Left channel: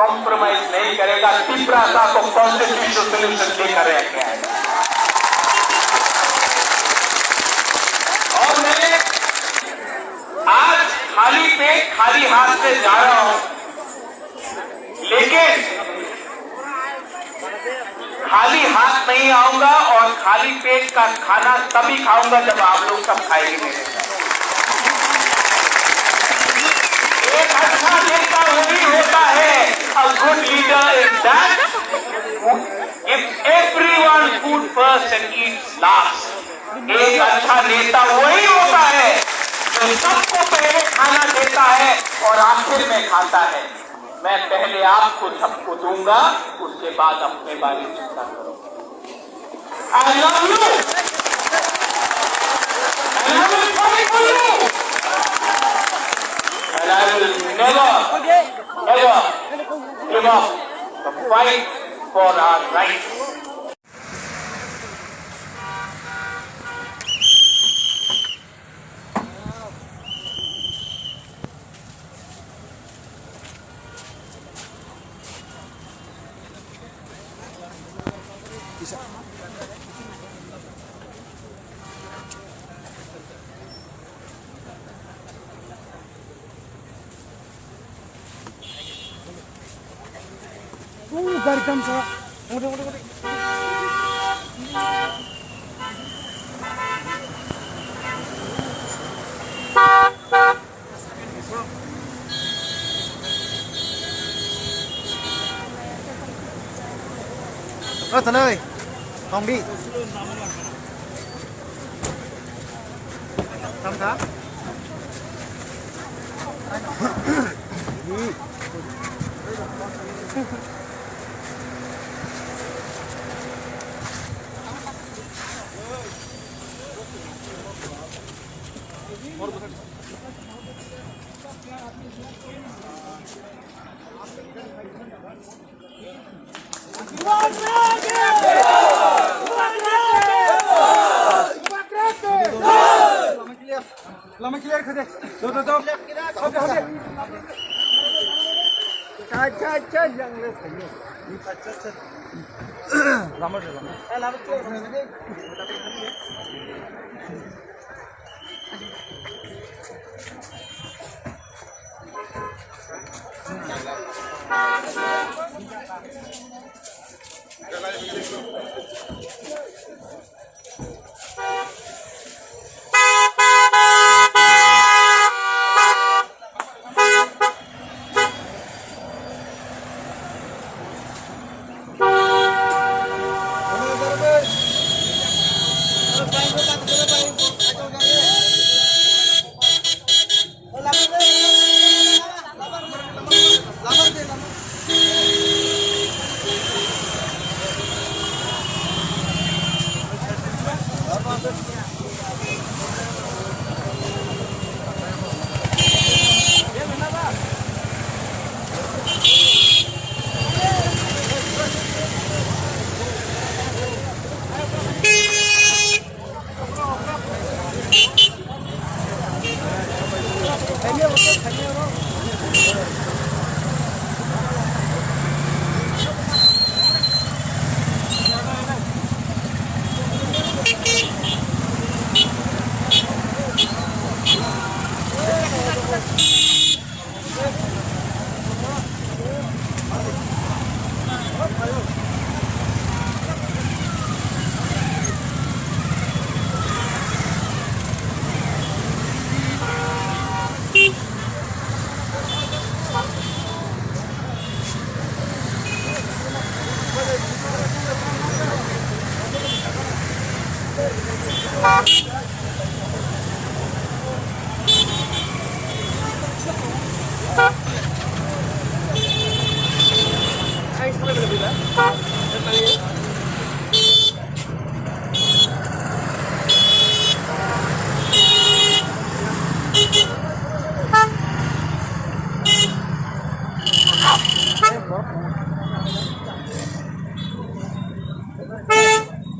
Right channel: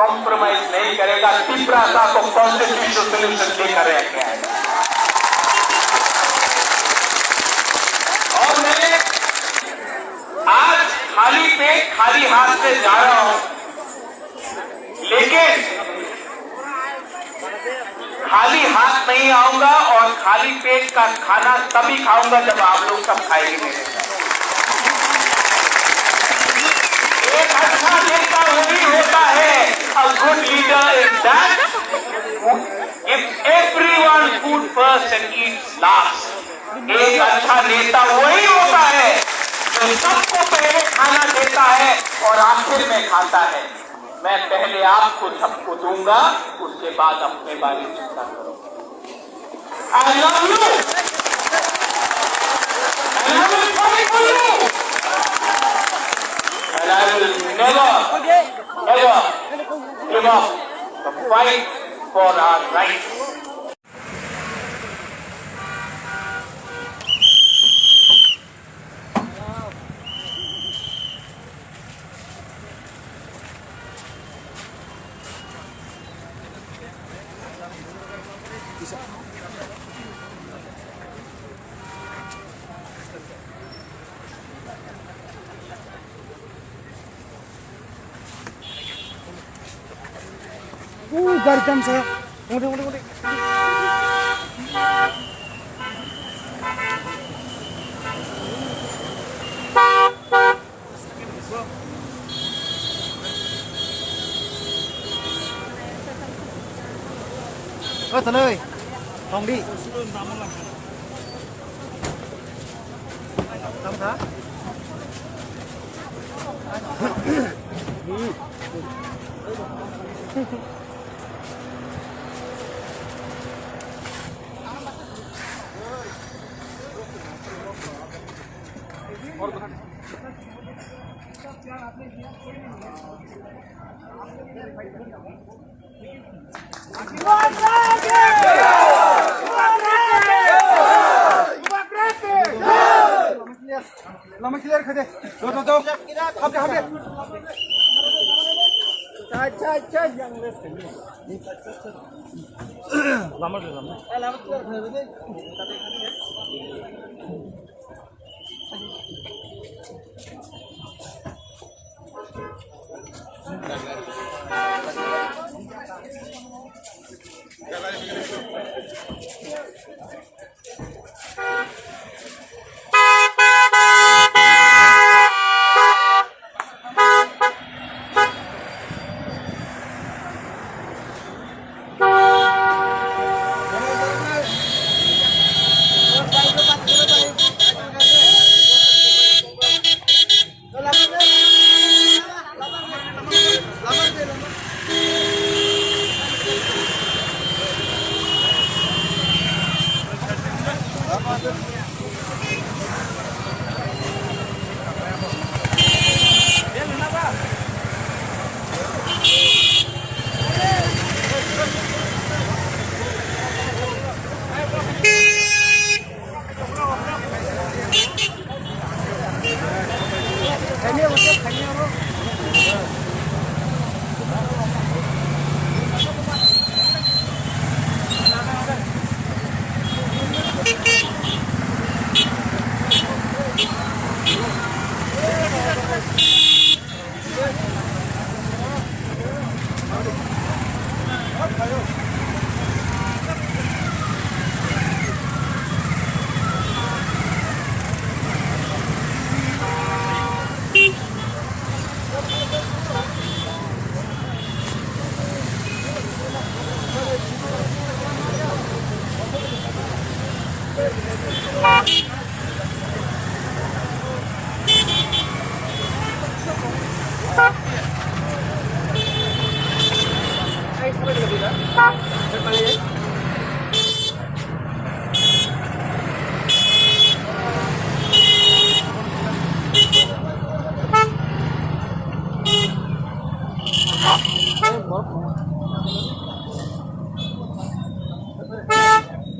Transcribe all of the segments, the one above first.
कॉम्प्रोमाइज नहीं करेगा। तीव्रता को कॉन्स्टिट्यूशनल सोल्यूशन लेकर गया है। और मैं आज खाली पेट खाली हाथ से जा रहा हूं, लेकिन खाली हाथ नहीं आऊंगा और खाली पेट का खाना तभी खाऊंगा जब आप लोग सब खाएंगे मेरे साथ। एक अच्छा नेता वही होता है, a good leader is that if everyone food first and eats last। एक अच्छा नेता वही होता है जो सबको पहले खाना देता है और आखिर में खाता है। मैं पहले आपको सबको दूंगा, उसके बाद अपने बारे में चिंता करूंगा। I love you and I will fight for you and I will never ever give up the fight for our rights। गाड़ी कम से उड़े उड़े उड़े thật ơi Hồng đi lama clear khade do hop cha yang les khade ni cha lama clear khade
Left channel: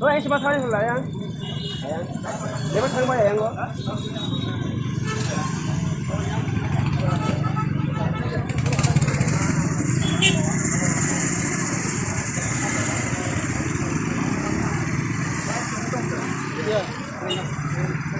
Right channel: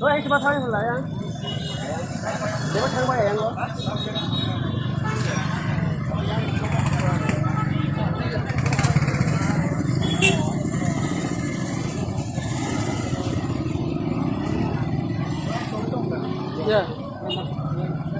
anh xem thôi lại anh để bắt thân qua đèn luôn Yeah.